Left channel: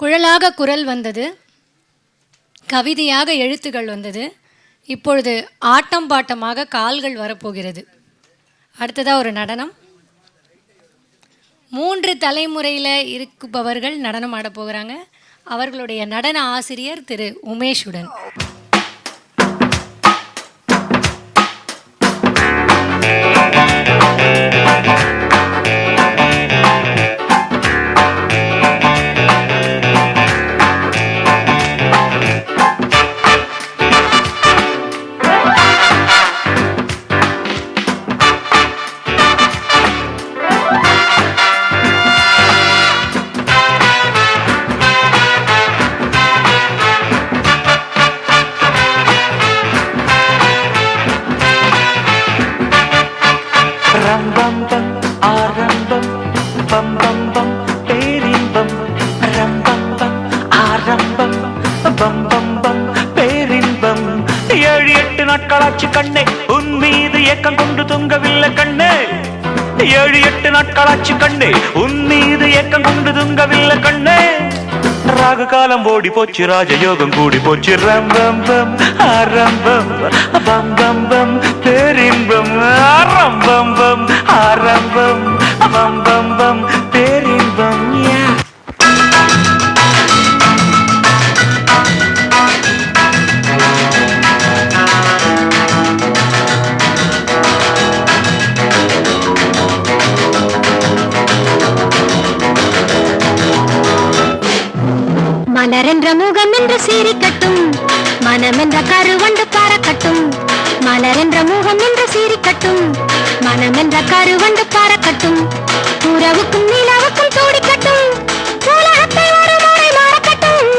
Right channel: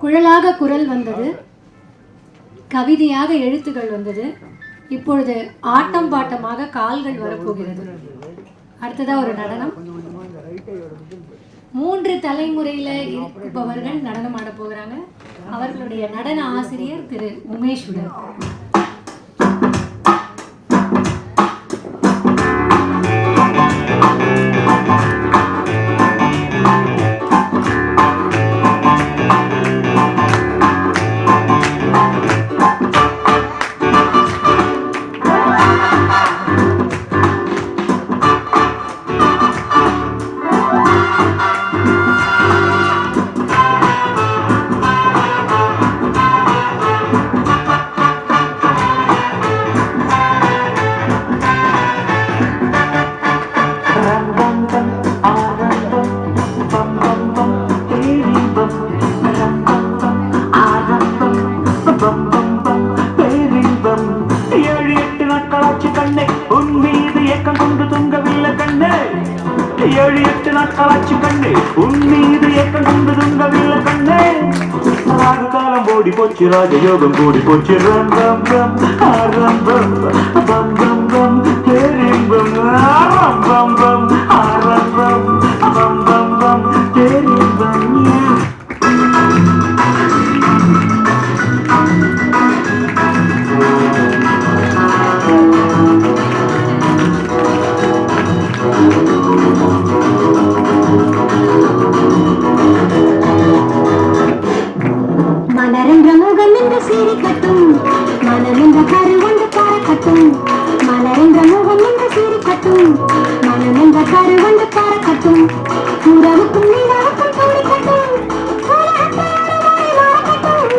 குழலாக குரல் வந்தது, கவிதையாக எழுத்துக்கள் வந்தது. இப்பொழுது ஆட்டம் பாட்டமாக கால்கள் வரப்போகிறது. அடுத்ததா ஒரு நடனம். 3 தலைமுறையில் இருப்பவர்கள் நடனம் ஆட போகிறாங்க. அவர்களுடைய நடன ஆசிரியர் திரு உமேஷுடன். கண்ணே உன் மீது ஏக்கம் கொண்டு தூங்கவில்லை கண்ணே. 7-8 நாட்களாச்சு கண்ணே உன் மீது ஏக்கம் கொண்டு தூங்கவில்லை கண்ணே. ராகு காலம் ஓடி போச்சு, ராஜயோகம் கூடி போச்சு. ரம் ரம் ரம் ஆரம்பம் பம் பம் பம் பேரின்பம். ஆரம்பம் பம் ஆரம்பம் பம் பம் பம் பேரின்பம். மலரென்ற முகம் என்று சிரிக்கட்டும், மனமென்ற கருவண்டு பறக்கட்டும். மலரென்ற முகம் என்று சிரிக்கட்டும், மனமென்ற கருவண்டு பறக்கட்டும். உறவுக்கும் நிலவுக்கும் துடிக்கட்டும், உலகத்தை ஒரு முறை மறக்கட்டும்.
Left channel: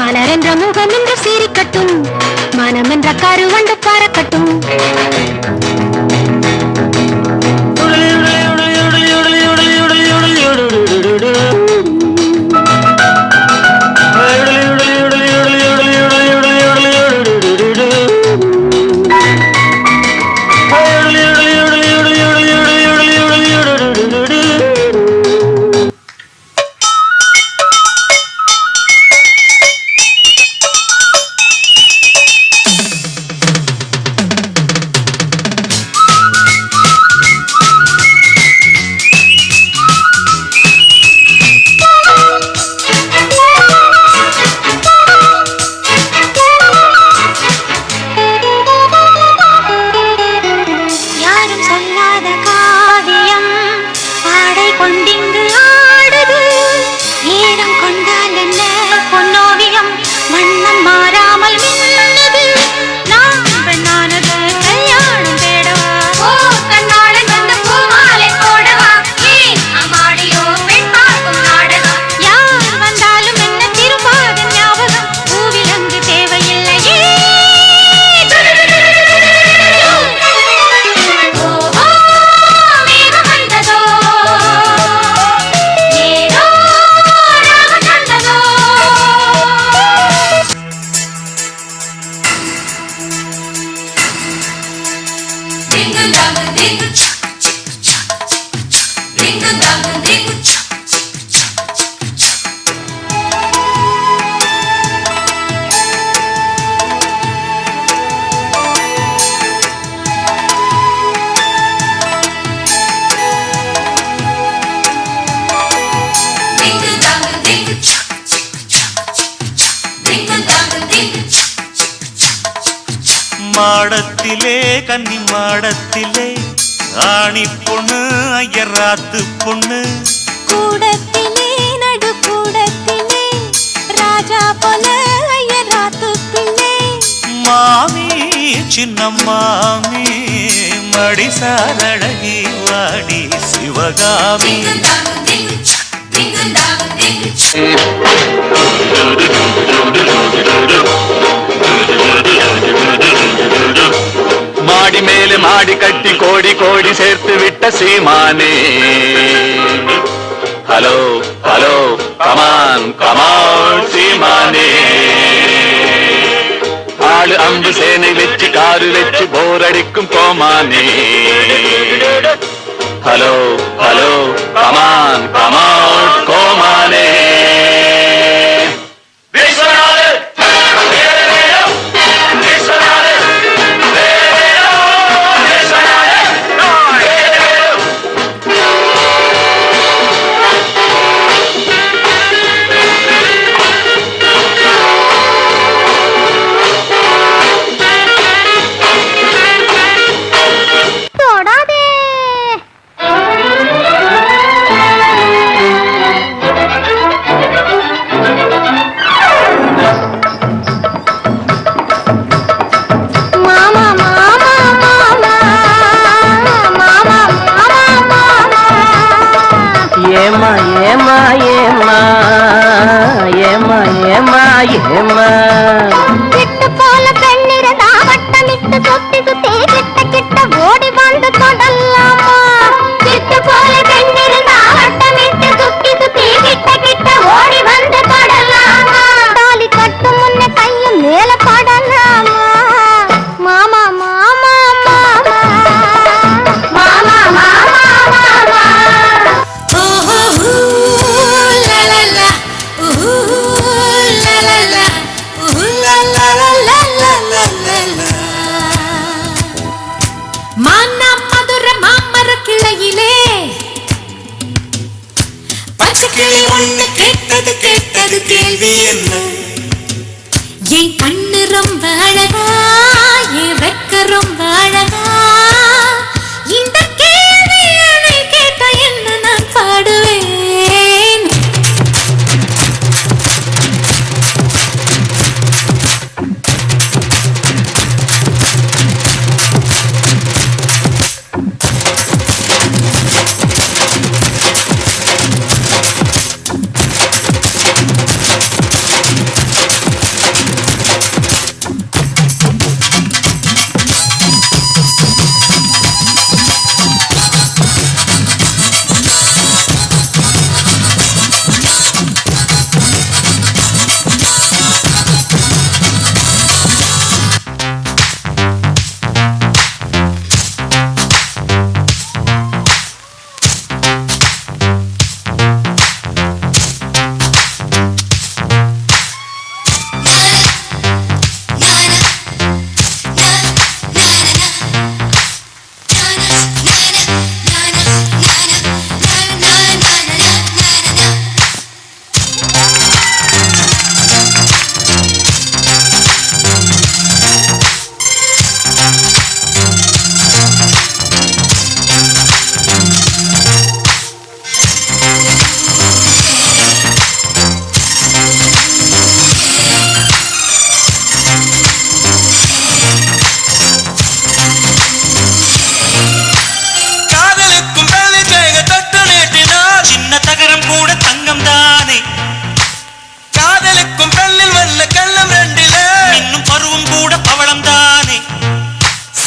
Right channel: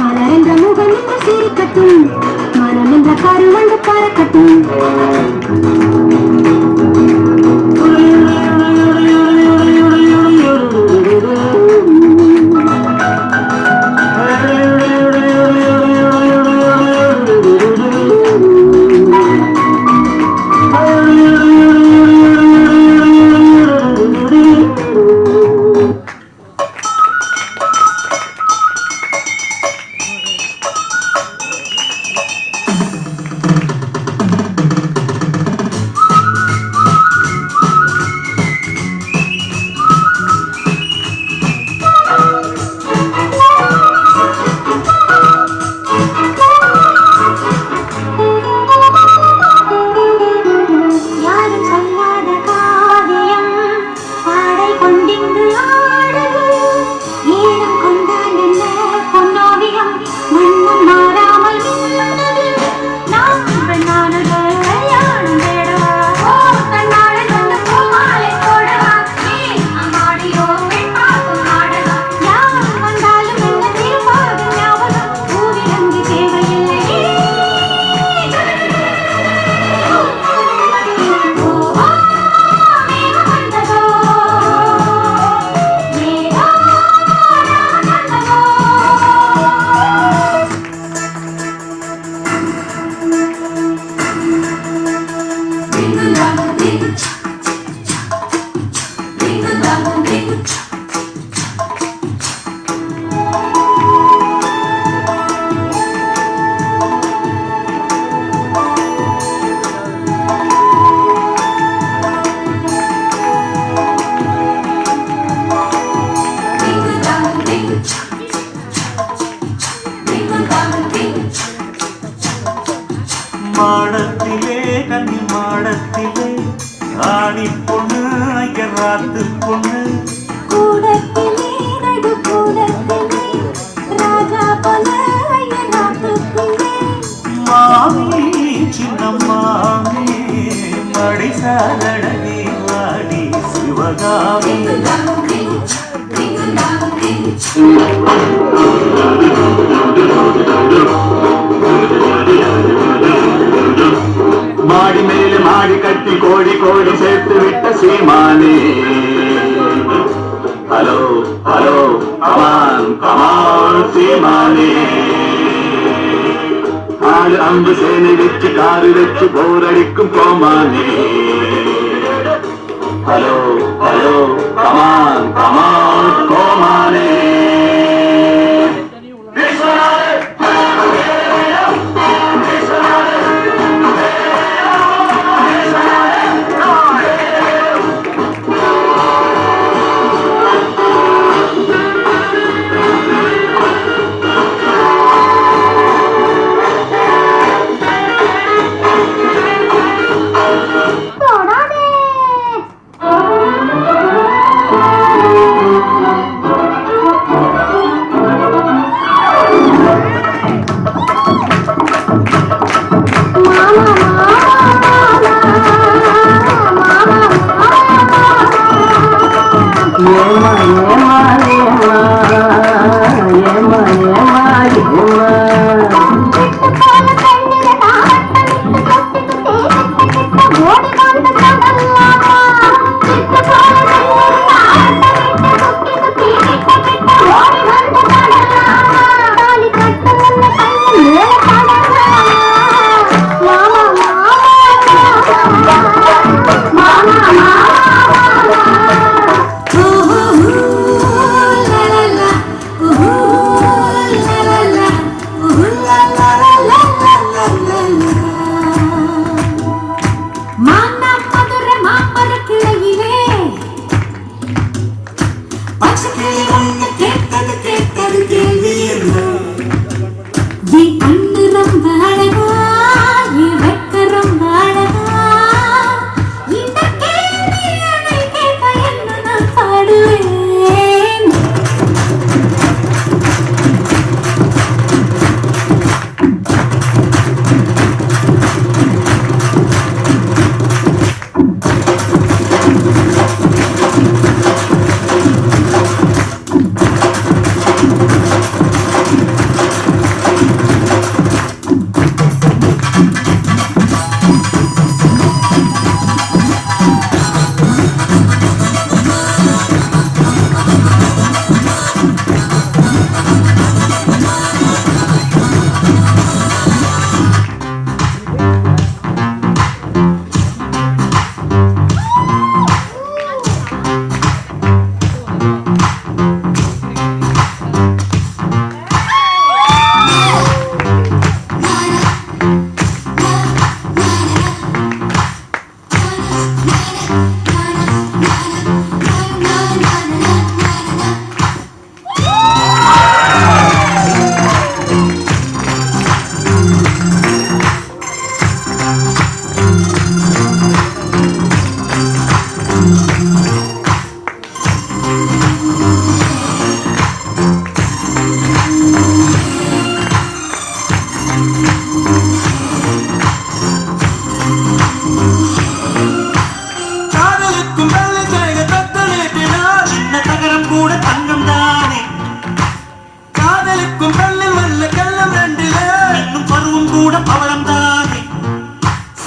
மலரென்ற முகம் என்று சிரிக்கட்டும், மனமென்ற கருவண்டு பறக்கட்டும். மாடத்திலே கன்னி மாடத்திலே ஆணி பொண்ணு ஐயராத்து பொண்ணு. கூடத்திலே நடு கூடத்திலே ராஜா போல ஐயராத்து பிள்ளை. மாமி சின்ன மாமி மடிசாலழகி வாடி சிவகாமி. மாடி மேலே மாடி கட்டி கோடி கோடி சேர்த்து விட்ட சீமானே. ஹலோ ஹலோ கமான் கமான் சீமானே. ஆளு 5 சேனை வச்சு காரு வச்சு போரடிக்கும் போமானே. ஹலோ ஹலோ கமான் கமான் கோமானே.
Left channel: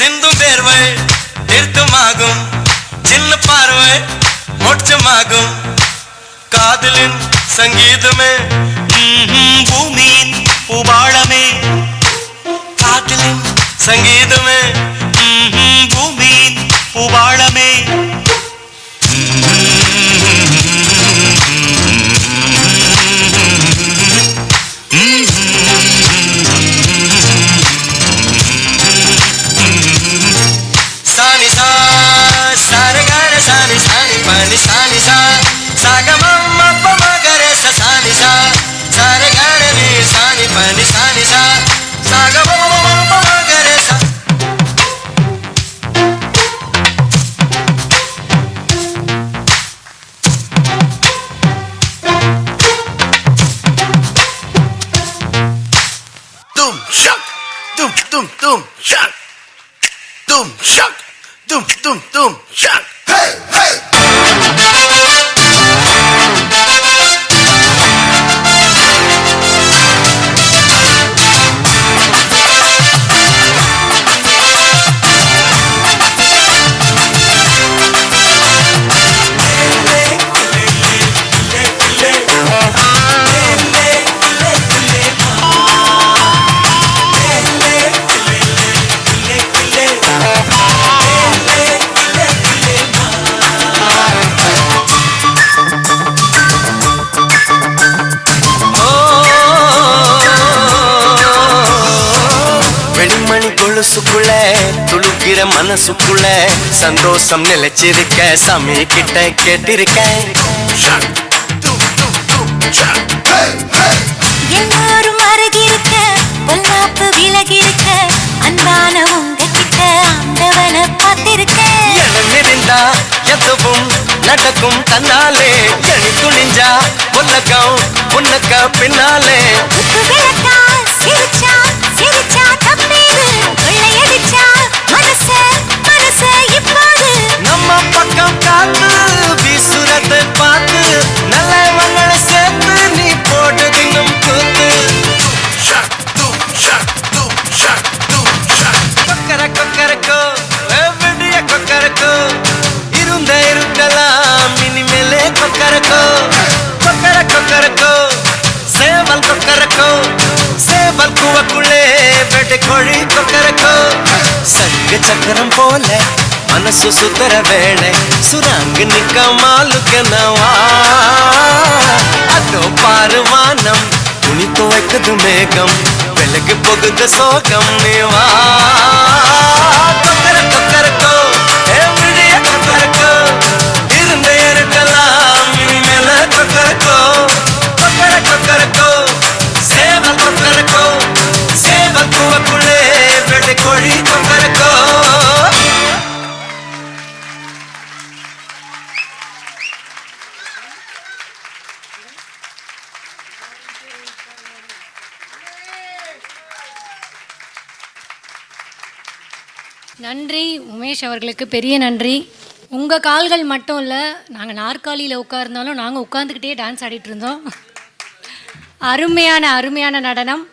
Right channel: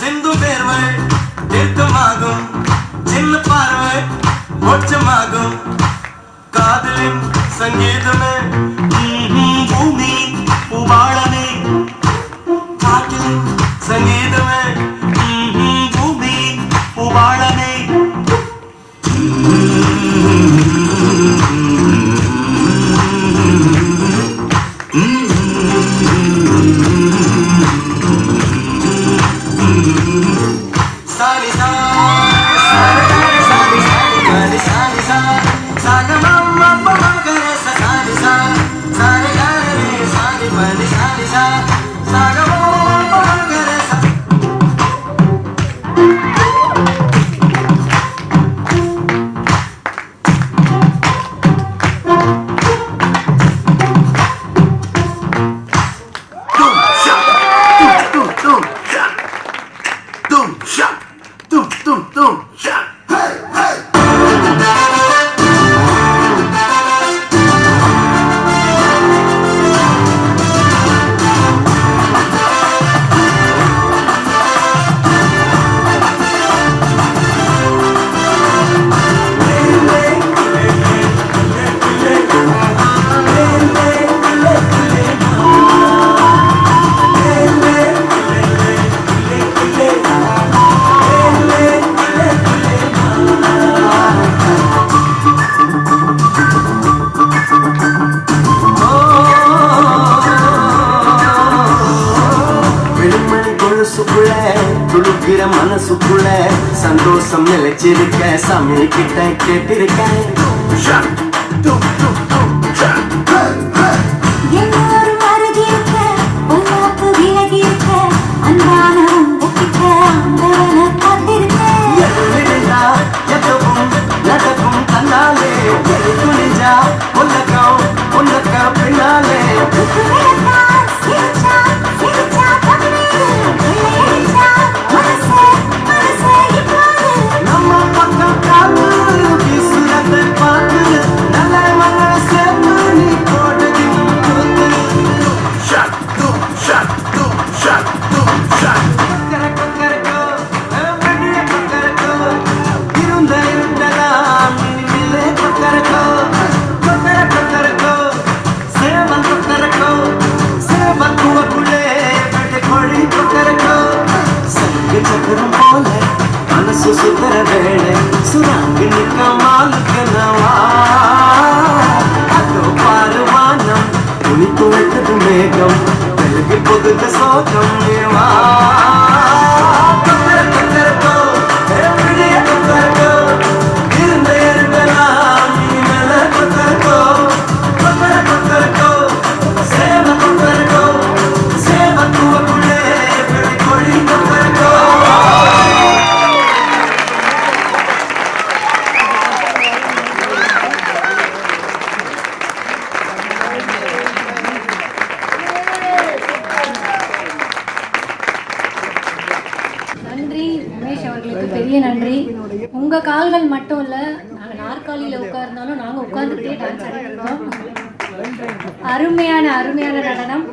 சிந்தும் வேர்வை தீர்த்தமாகும் சின்ன பார்வை மோட்சமாகும் காதலின் சங்கீதமே பூமியின் பூபாளமே காதலின் சங்கீதமே பூமியின் பூபாளமே மனசுக்குள்ள சந்தோஷம் நிலைச்சிருக்க சாமி கிட்ட கேட்டிருக்கேன் எல்லாரும் அருகிருக்க பொல்லாப்பு விலகிருக்க அன்பான உங்ககிட்ட ஆண்டவனை பார்த்திருக்கேன் நினைத்தா எதுவும் நடக்கும் கண்ணாலே எடி துணிஞ்சா உலகம் உனக்க பின்னாலே விளக்கா சிரிச்சா சிரிச்சா தம்மீது கொள்ளையடிச்சா மனசே மனசே இப்போது நம்ம பக்கம் காத்து வீசுறதை பார்த்து நல்ல மங்களை சேர்த்து நீ போட்டு தின்னும் கூத்து கொக்கர கொக்கரக்கோ வெடிய கொக்கரக்கோ இருக்கலாம் இனிமேலே கொக்கரக்கோ கொக்கர கொக்கரக்கோ சேவல் கொக்கரக்கோ சேவல் குவக்குள்ளே வெடி கோழி கொக்கரக்கோ சங்கு சக்கரம் போல மனசு சுத்தர வேளை சுராங்கு நிக்க மாலுக்கனவா அதோ பாரு வானம் துணி துவைக்குது மேகம் விலகு போகுது சோகம் மேவா கொக்கர கொக்கரக்கோ எவ்வளிய கொக்கரக்கோ இருக்கலாம் இனிமேல கொக்கரக்கோ கொக்கர கொக்கரக்கோ சேவ கொக்கரக்கோ சேவ குவக்குள்ளே வெள்ளை கோழி கொக்கரக்கோ நன்றி உமேஷ் அவர்களுக்கு பெரிய நன்றி. உங்க கால்கள் மட்டும் இல்ல, நாங்க நாற்காலியில உட்கார்ந்தாலும் நாங்க உட்கார்ந்துக்கிட்டே டான்ஸ் ஆடிட்டு இருந்தோம். அருமையான அருமையான நடனம்.